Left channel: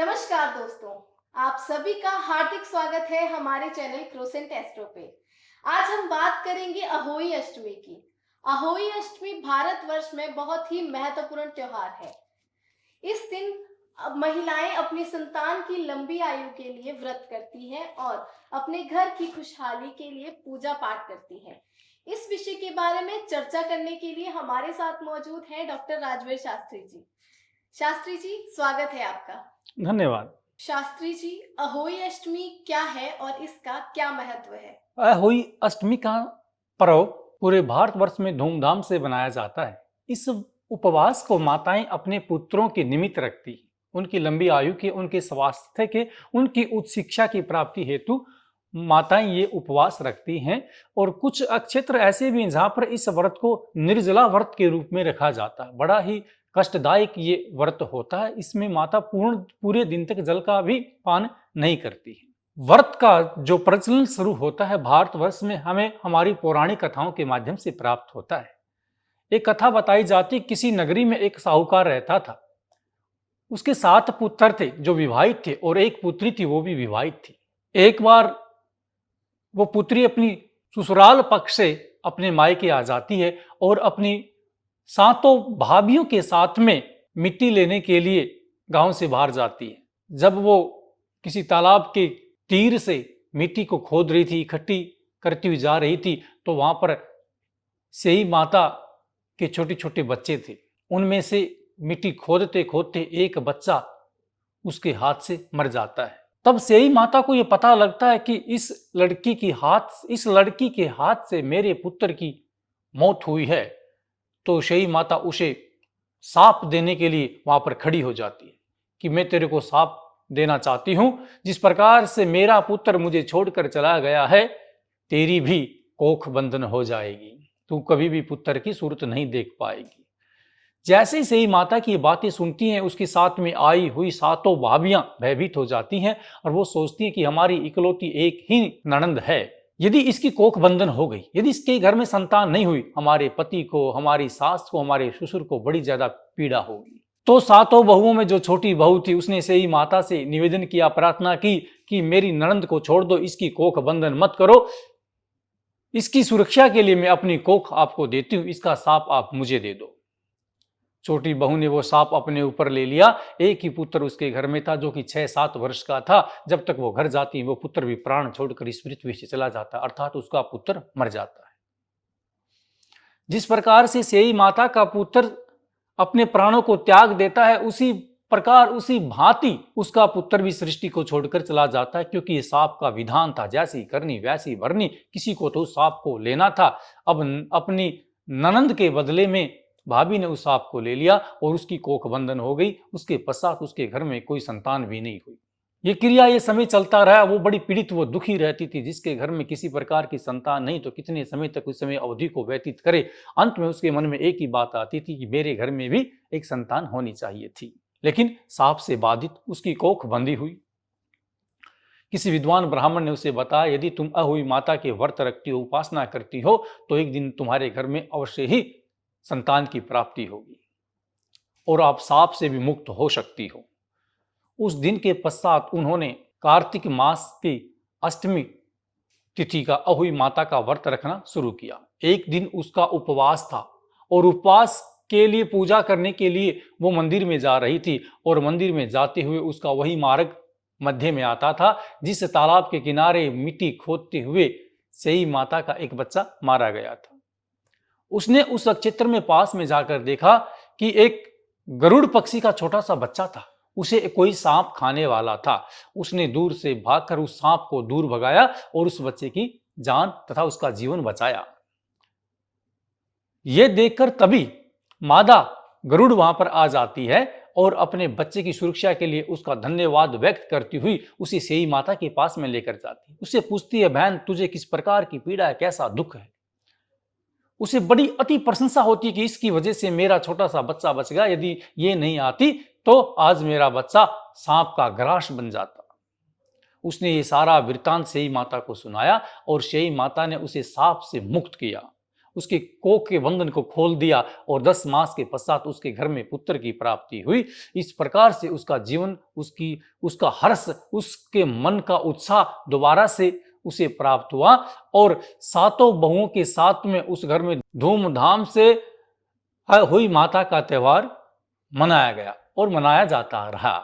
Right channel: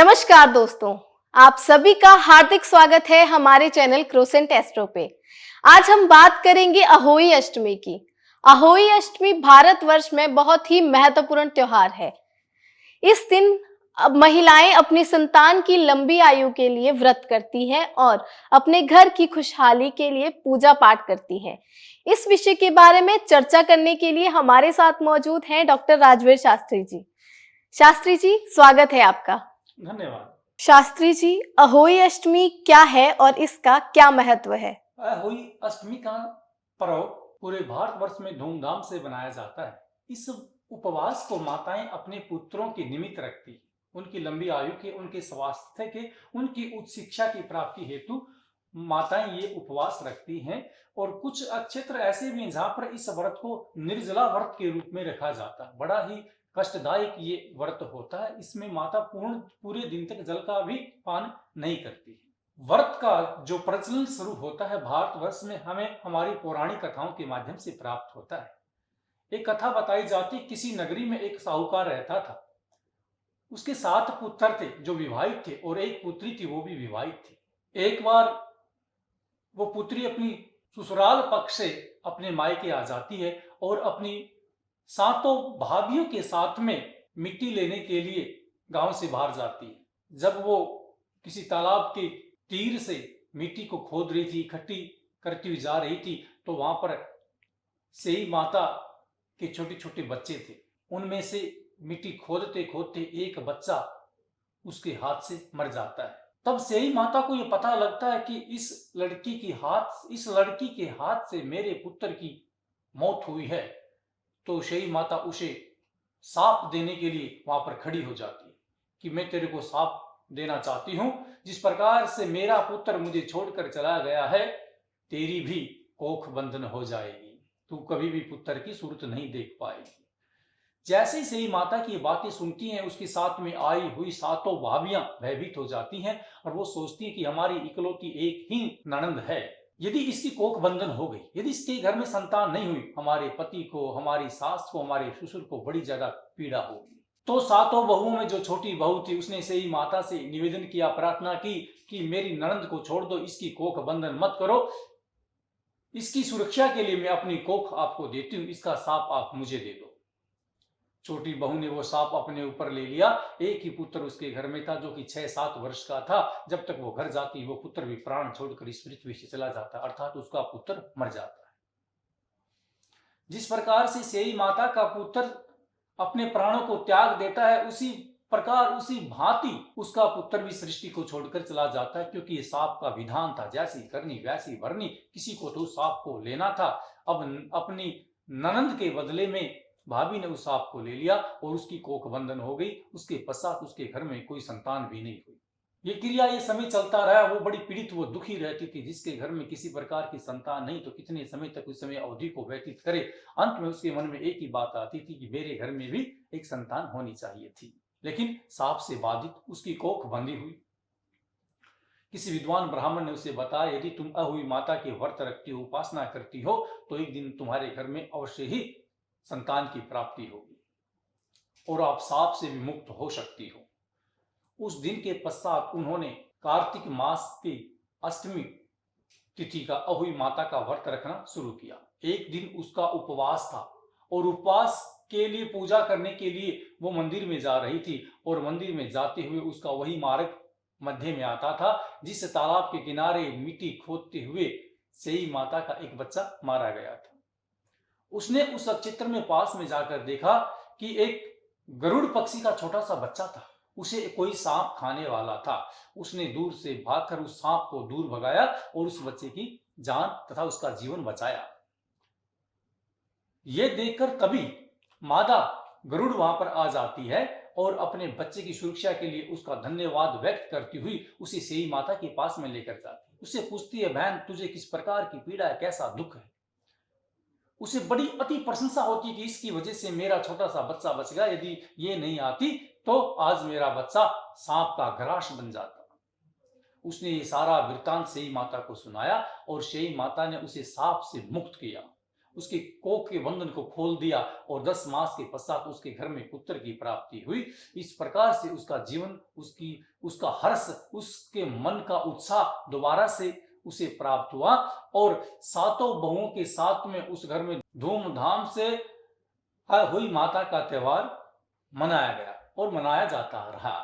नमस्कार दोस्तों, आप सभी का हार्दिक स्वागत है हमारे चैनल क्रोसेंट एस्ट्रो पे। आज हम बात करेंगे अहोई अष्टमी की। अहोई अष्टमी भारतवर्ष में बहुत ही महत्वपूर्ण त्योहार है। इस दिन महिलाएं अपनी संतान की लंबी आयु के लिए व्रत करती हैं और अपने घर की खुशहाली के लिए पूजा पाठ करती हैं। इस विषय के बारे में चर्चा करने के लिए हमारे साथ मौजूद हैं डॉक्टर राजवीर शास्त्री जी। शास्त्री जी, स्वागत है आपका। धन्यवाद। शास्त्री जी, अहोई अष्टमी क्या है और इसका क्या महत्व है? अहोई अष्टमी का पर्व पूरे भारतवर्ष में धूमधाम से मनाया जाता है। इस उपवास को माताएं अपने पुत्रों के निमित्त रखती हैं, उनकी लंबी आयु के, उनके स्वास्थ्य के, उनकी उच्च शिक्षा की प्राप्ति हेतु माताएं ये उपवास रखती हैं। और कुछ क्षेत्र ऐसे भी हैं जहाँ पर इस व्रत को निर्जला व्रत के रूप में रखा जाता है। बड़ा ही कष्टदायक ये व्रत होता है। इसमें माता पूरे दिन तक जल का भी पान नहीं करती है। व्रत का जो प्रचलन शुरू होता है भारतवर्ष में, हमें हमारी पौराणिक कथाओं के माध्यम से प्राप्त होता है। एक कथा बताई जाती, किसी नगरी में एक साहूकार रहता था। उसके 7 पुत्र थे जो विवाहित थे और एक पुत्री थी, वो भी विवाहित थी। एक बार वो पुत्री अपनी ससुराल पक्ष से अपने मायके आ जाती है और अपनी 7 भाभियों के साथ में मिट्टी लेने के लिए गांव से बाहर जाती है। जब वो किसी तालाब के तीर से मिट्टी को खोद रही थी, इकट्ठी करती हुई जा रही थी, तो वहां पर सेई माता के छोटे छोटे बच्चे थे। उनमें से मिट्टी खोदते खोदते एक बच्चा उसके हाथ से मर जाता है। तब सेई माता को यह पता लगता है कि इस लड़की के हाथ से मेरे पुत्र की मौत हुई है। तो सेई माता उसे साप देने के लिए वहां पर खड़ी हो जाती है कि मैं तेरे को साप देना चाहती हूं। जिस प्रकार से मेरा पुत्र मुझे छोड़कर चला गया है, तेरी भी कोख बंधन हो जाएगी। तू कभी भी पुत्र की सूरत नहीं देख पाएगी। जैसे ही माता की बातें सुनती हैं, उसके साथ में आई हुई 7 भाभियां भयभीत हो जाती हैं और वो सोचती हैं कि हमारी इकलौती एक ही ननंद है, यदि इसकी कोख बंधन हो गई, यदि इसके घर में संतान नहीं हुई, हमारे पति को, हमारी सास को, हमारे ससुर को बड़ी ज्यादा पीड़ा होगी। तो 7 बहुओं में जो छोटी बहू थी, उसने सेई माता से निवेदन किया, प्रार्थना की कि मेरी ननंद को छोड़ दो, इसकी कोख बंधन मत करो, इसकी सुरक्षा के लिए मैं अपनी कोख आपको देती हूं, इसका साप आप मुझे दे दो। छोटी बहू ने वो सांप अपने ऊपर ले लिया। एक ही पुत्र उसके घर में था जो कि 6-7 वर्ष का था। जब तक वो घर जाती, वो पुत्र भी प्राण छोड़कर इस पृथ्वी से चला जाता, अर्थात उसका पुत्र मर जाता है। जिस प्रकार से सेई माता का पुत्र अपने प्राणों को त्याग देता है, उसी प्रकार, उसी भांति उसका पुत्र भी सृष्टि को छोड़कर चला जाता है, क्योंकि ये सांप का विधान था, जैसी करनी वैसी भरनी। किसी को तो उस सांप को लेना था। अब अपनी ननंद के बदले में भाभी ने उस सांप को ले लिया और उसकी कोख बंधन हो गई। उसके पश्चात उसके घर में कोई संतान भी नहीं हुई। ये क्रिया, ये समय चलता रहा। वो बड़ी पीड़ित, वो दुखी रहती थी। जिसके घर में किसी प्रकार की संतान नहीं, तो कितने समय तक उस समय अवधि को व्यतीत करे। अंत में उसके मन में एक ही बात आती थी कि मेरे घर में भी एक संतान होनी चाहिए थी, लेकिन सांप से बाधित उसकी कोख बंधी हुई। किसी विद्वान ब्राह्मण ने उसे बताया, यदि तुम अहोई माता के व्रत रखती हो, उपासना करती हो, तो एक दिन तुम्हारे घर में अवश्य ही संतान की प्राप्ति होगी और आप सांप से भी मुक्त हो सकती हो। उस दिन के पश्चात उन्होंने कार्तिक मास की अष्टमी तिथि का अहोई माता का व्रत रखना शुरू किया। एक दिन उसका उपवास था और उपवास के लिए, पूजा करने के लिए वो मंदिर में जा रही थी और मंदिर में जाते हुए उसका वही मार्ग मध्य में आता था जिस तालाब के किनारे मिट्टी खोदते हुए सेई माता का एक बच्चा मारा गया था। उसने उस क्षेत्र में पास में जाकर देखा कि एक गरुड़ पक्षी का छोटा सा बच्चा था। उसे कोई सांप खाने वाला था। उसने दूर से भागकर उस सांप को दूर भगाया और उस बच्चे की जान तथा उसका जीवन बचाया। यह देखकर तभी मादा गरुड़ वहां पर आ जाती है और अपने बच्चे की सुरक्षा के लिए उसका धन्यवाद व्यक्त करती हुई उसे सेई माता के पास में लेकर जाती है। उससे पूछती है, बहन तुझे किस प्रकार की पीड़ा है, कैसा दुख है। उसे बड़ी अति प्रशंसा होती कि इसकी वजह से मेरा छोटा सा बच्चा बच गया, यदि ये नहीं आती तो आज मेरा बच्चा सांप का ग्रास बन जाता। उसने ये सारा वृतांत सेई माता को सुनाया और सेई माता ने उसे सांप से मुक्त किया उसके कोख के बंधन को खोल दिया और 10 मास के पश्चात उसके घर में पुत्र की प्राप्ति हुई। इस प्रकार से उसका जीवन, उसका हर्ष, उसके मन का उत्साह दोबारा से उसे प्राप्त हुआ और सातों बहुओं के साथ में उस घर में धूमधाम से हुई माता का त्योहार मनाया गया और मनाया जाता रहा।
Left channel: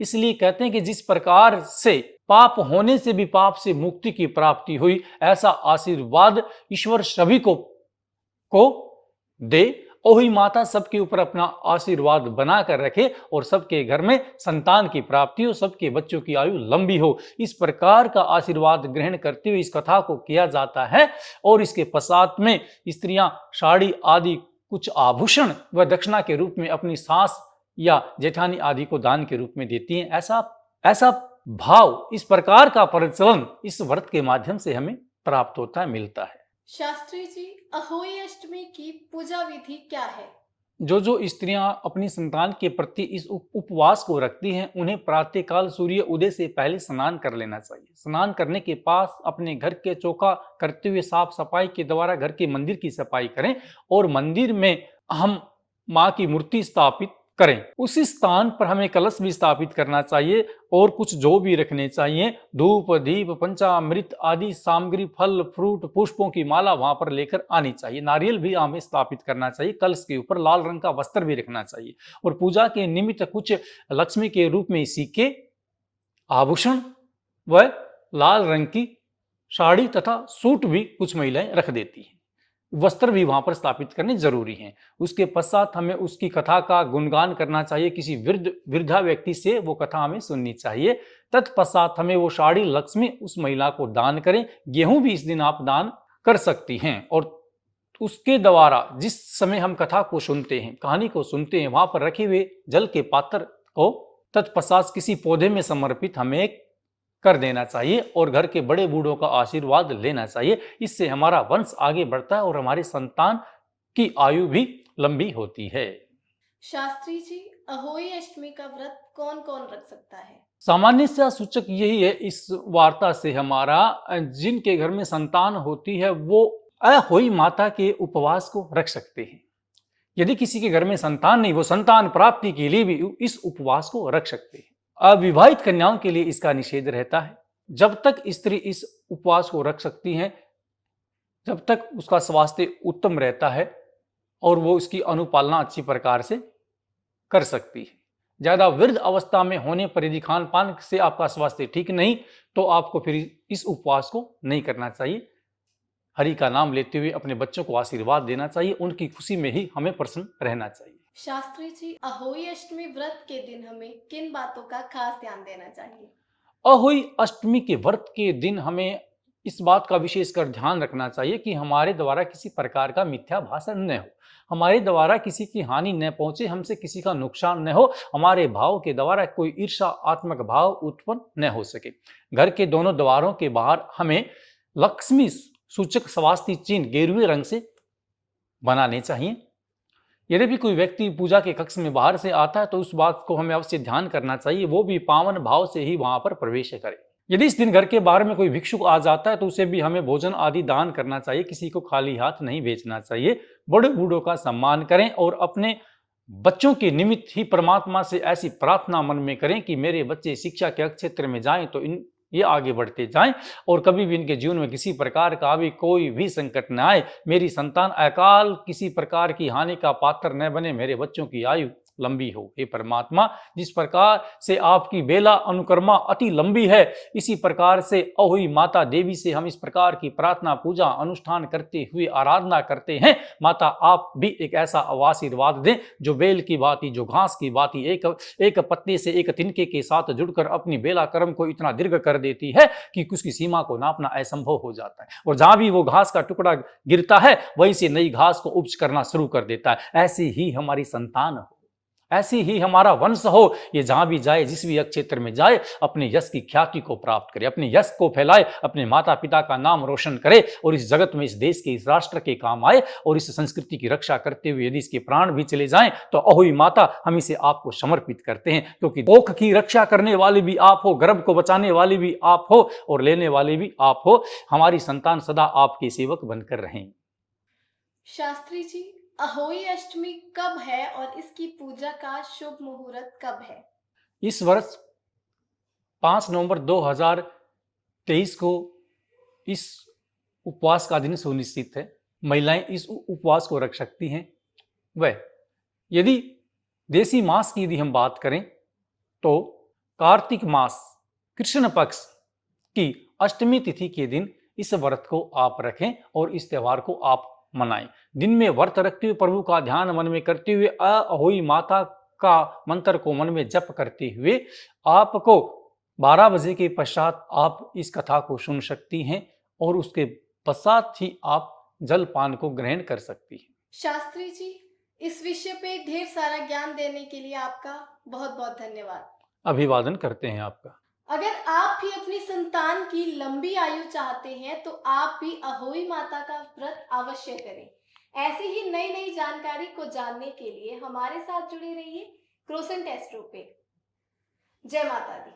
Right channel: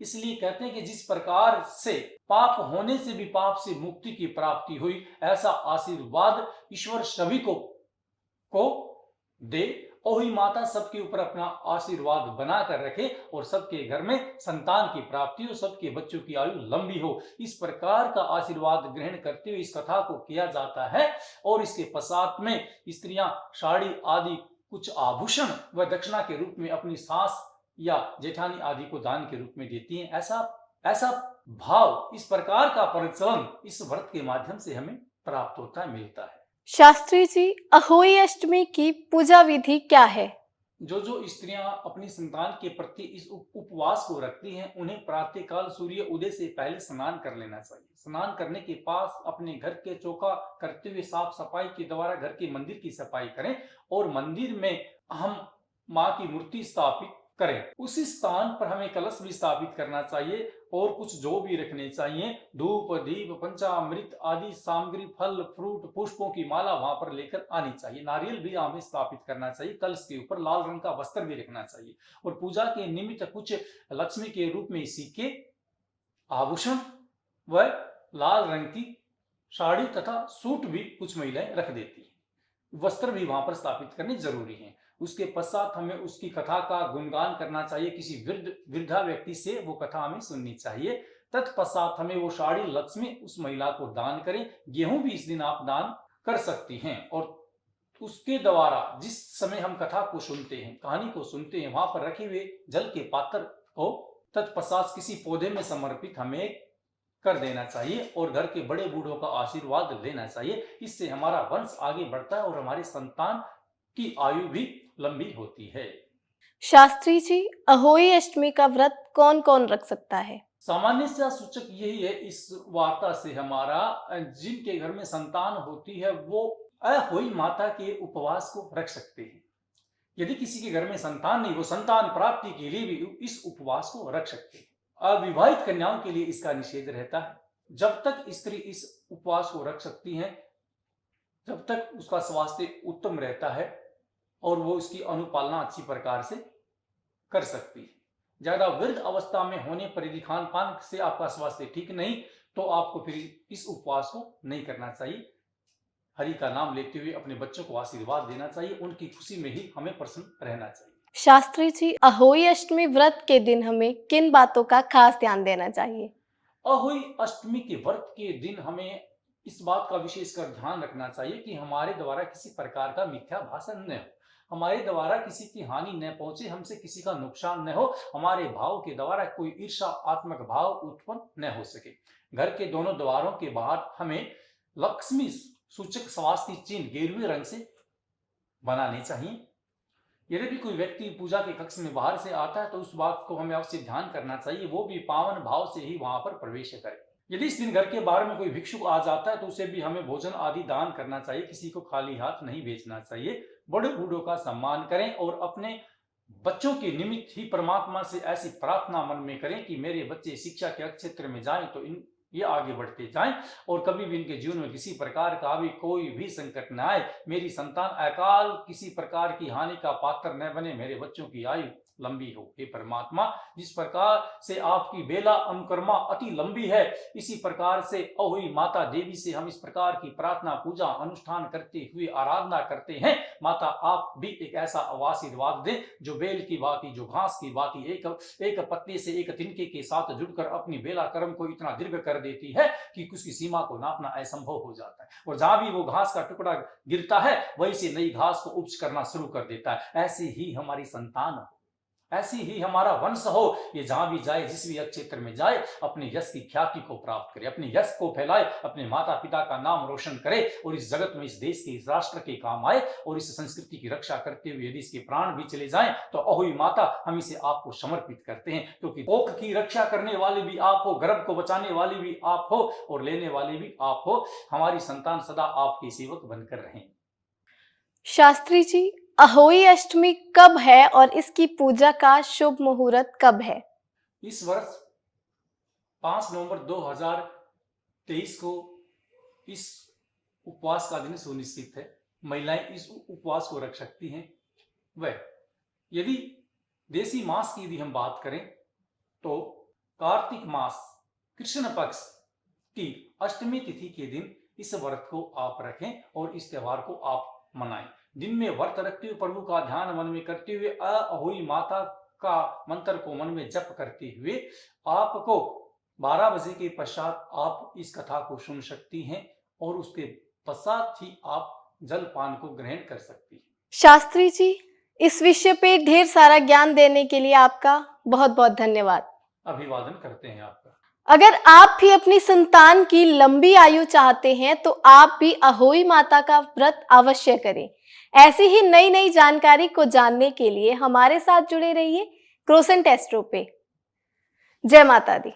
इसलिए कहते हैं कि जिस प्रकार से पाप होने से भी पाप से मुक्ति की प्राप्ति हुई, ऐसा आशीर्वाद ईश्वर सभी को दे और हुई माता सबके ऊपर अपना आशीर्वाद बना कर रखे और सबके घर में संतान की प्राप्ति हो, सबके बच्चों की आयु लंबी हो। इस प्रकार का आशीर्वाद ग्रहण करते हुए इस कथा को किया जाता है और इसके पश्चात में स्त्रियां साड़ी आदि कुछ आभूषण व दक्षिणा के रूप में अपनी सास या जेठानी आदि को दान के रूप में देती हैं। ऐसा भाव, इस प्रकार का प्रचलन इस व्रत के माध्यम से हमें प्राप्त होता है, मिलता है। शास्त्री जी, अहोई अष्टमी की पूजा विधि क्या है? जो स्त्रियां अपनी संतान के प्रति इस उपवास को रखती हैं, उन्हें प्रातःकाल सूर्य उदय से पहले स्नान कर लेना चाहिए। स्नान करने के पास अपने घर के चौका करते हुए साफ सफाई के द्वारा घर के मंदिर की सफाई करें और मंदिर में हम माँ की मूर्ति स्थापित करें। उसी स्थान पर हमें कलश भी स्थापित करना चाहिए और कुछ जो भी रखने चाहिए, धूप दीप पंचामृत आदि सामग्री, फल फ्रूट पुष्पों की माला वहां पर लेकर आनी चाहिए। नारियल भी हमें स्थापित करना चाहिए। कलश के ऊपर लाल रंग का वस्त्र भी रखना चाहिए और पूजा के निमित्त कुछ लक्ष्मी के रूप में सिक्के, आभूषण व लाल रंग की साड़ी तथा सूट भी कुछ महिलाएं रख देती हैं। वस्त्र भी वहां पर स्थापित करने जरूरी हैं। उसके पश्चात हमें उसकी कथा का गुणगान करना चाहिए। किसी वृद्धा व्यक्ति से वो कथा हमें सुननी चाहिए। तत्पश्चात हमें वो साड़ी लक्ष्मी उस महिला को दान करें। गेहूं भी इस दिन आप दान कर सकती हैं और उसके द्वारा जिस समय हम कथा को सुनते हैं, कहानी को सुनते हैं, वहां पर रखे हुए जल के पात्र को तत्पश्चात किसी पौधे में समर्पित हमें कर देना चाहिए और घर के बड़े बूढ़ों का आशीर्वाद लेना चाहिए। इससे हमारा वंश आगे बढ़ता है और हमारी संतान की आयु भी लंबी होती है। शास्त्री जी, अहोई अष्टमी का व्रत कौन कौन रख सकता है? सामान्य सा सूचक यही है इस वार्ता से हमारा, जिनके घर में संतान होती है वो अहोई माता के उपवास को रख सकते हैं। यदि किसी के घर में संतान नहीं, वो संतान प्राप्ति के लिए भी इस उपवास को रख सकते हैं। अविवाहित कन्याओं के लिए इसका निषेध रहता है। जब तक स्त्री इस उपवास को रख सकती हैं, जब तक उसका स्वास्थ्य उत्तम रहता है और वो इसकी अनुपालना अच्छी प्रकार से कर सकती है। ज्यादा वृद्ध अवस्था में होने पर यदि खान पान से आपका स्वास्थ्य ठीक नहीं, तो आपको फिर इस उपवास को नहीं करना चाहिए। हरि का नाम लेते हुए अपने बच्चों को आशीर्वाद देना चाहिए। उनकी खुशी में ही हमें प्रसन्न रहना चाहिए। शास्त्री जी, अहोई अष्टमी व्रत के दिन हमें किन बातों का खास ध्यान देना चाहिए? अहोई अष्टमी के व्रत के दिन हमें इस बात का विशेषकर ध्यान रखना चाहिए कि हमारे द्वारा किसी प्रकार का मिथ्या भाषण न हो, हमारे द्वारा किसी की हानि न पहुंचे, हमसे किसी का नुकसान न हो, हमारे भाव के द्वारा कोई ईर्ष्यात्मक भाव उत्पन्न न हो सके। घर के दोनों द्वारों के बाहर हमें लक्ष्मी सूचक स्वास्ति चिन्ह गेरुए रंग से बनाने चाहिए। यदि भी कोई व्यक्ति पूजा के कक्ष में बाहर से आता है तो उस बात को हमें अवश्य ध्यान करना चाहिए, वो भी पावन भाव से ही वहां पर प्रवेश करे। यदि इस दिन घर के बाहर में कोई भिक्षुक आ जाता है तो उसे भी हमें भोजन आदि दान करना चाहिए। किसी को खाली हाथ नहीं भेजना चाहिए। बड़े बूढ़ों का सम्मान करें और अपने बच्चों के निमित्त ही परमात्मा से ऐसी प्रार्थना मन में करें कि मेरे बच्चे शिक्षा के क्षेत्र में जाएं तो ये आगे बढ़ते जाएं और कभी भी इनके जीवन में किसी प्रकार का भी कोई भी संकट न आए। मेरी संतान अकाल किसी प्रकार की हानि का पात्र न बने, मेरे बच्चों की आयु लंबी हो। हे परमात्मा, जिस प्रकार से आपकी बेला अनुकर्मा अति लंबी है, इसी प्रकार से अहोई माता देवी से हम इस प्रकार की प्रार्थना पूजा अनुष्ठान करते हुए आराधना करते हैं। माता, आप भी एक ऐसा आशीर्वाद दें जो बेल की भांति, जो घास की भांति एक पत्ते से एक तिनके के साथ जुड़कर अपनी बेला कर्म को इतना दीर्घ कर देती है कि उसकी सीमा को नापना असंभव हो जाता है और जहां भी वो घास का टुकड़ा गिरता है वहीं से नई घास को उपज करना शुरू कर देता है। ऐसी ही हमारी संतान हो, ऐसी ही हमारा वंश हो। ये जहां भी जाए, जिस भी क्षेत्र में जाए, अपने यश की ख्याति को प्राप्त करे, अपने यश को फैलाए, अपने माता पिता का नाम रोशन करे और इस जगत में, इस देश के, इस राष्ट्र के काम आए और इस संस्कृति की रक्षा करते हुए यदि इसके प्राण भी चले जाएं तो अहोई माता, हम इसे आपको समर्पित करते हैं, क्योंकि कोख की रक्षा करने वाली भी आप हो, गर्भ को बचाने वाली भी आप हो और लेने वाले भी आप हो। हमारी संतान सदा आपके सेवक बनकर रहें। शास्त्री जी, अहोई अष्टमी कब है और इसकी पूजा का शुभ मुहूर्त कब है? इस वर्ष 5 नवंबर 2023 को इस उपवास का दिन सुनिश्चित है। महिलाएं इस उपवास को रख सकती हैं। वह यदि देसी मास की यदि हम बात करें तो कार्तिक मास कृष्ण पक्ष की अष्टमी तिथि के दिन इस व्रत को आप रखें और इस त्योहार को आप मनाएं। दिन में व्रत रखते हुए प्रभु का ध्यान मन में करते हुए अहोई माता का मंत्र को मन में जप करते हुए आपको 12 बजे के पश्चात आप इस कथा को सुन सकती हैं और उसके पश्चात ही आप जलपान को ग्रहण कर सकती हैं। शास्त्री जी, इस विषय पे ढेर सारा ज्ञान देने के लिए आपका बहुत बहुत धन्यवाद। अभिवादन करते हैं आपका। अगर आप भी अपनी संतान की लंबी आयु चाहते हैं तो आप भी अहोई माता का व्रत अवश्य करें। ऐसी ही नई नई जानकारी को जानने के लिए हमारे साथ जुड़े रहिए क्रोसेंट एस्ट्रो पे। जय माता दी।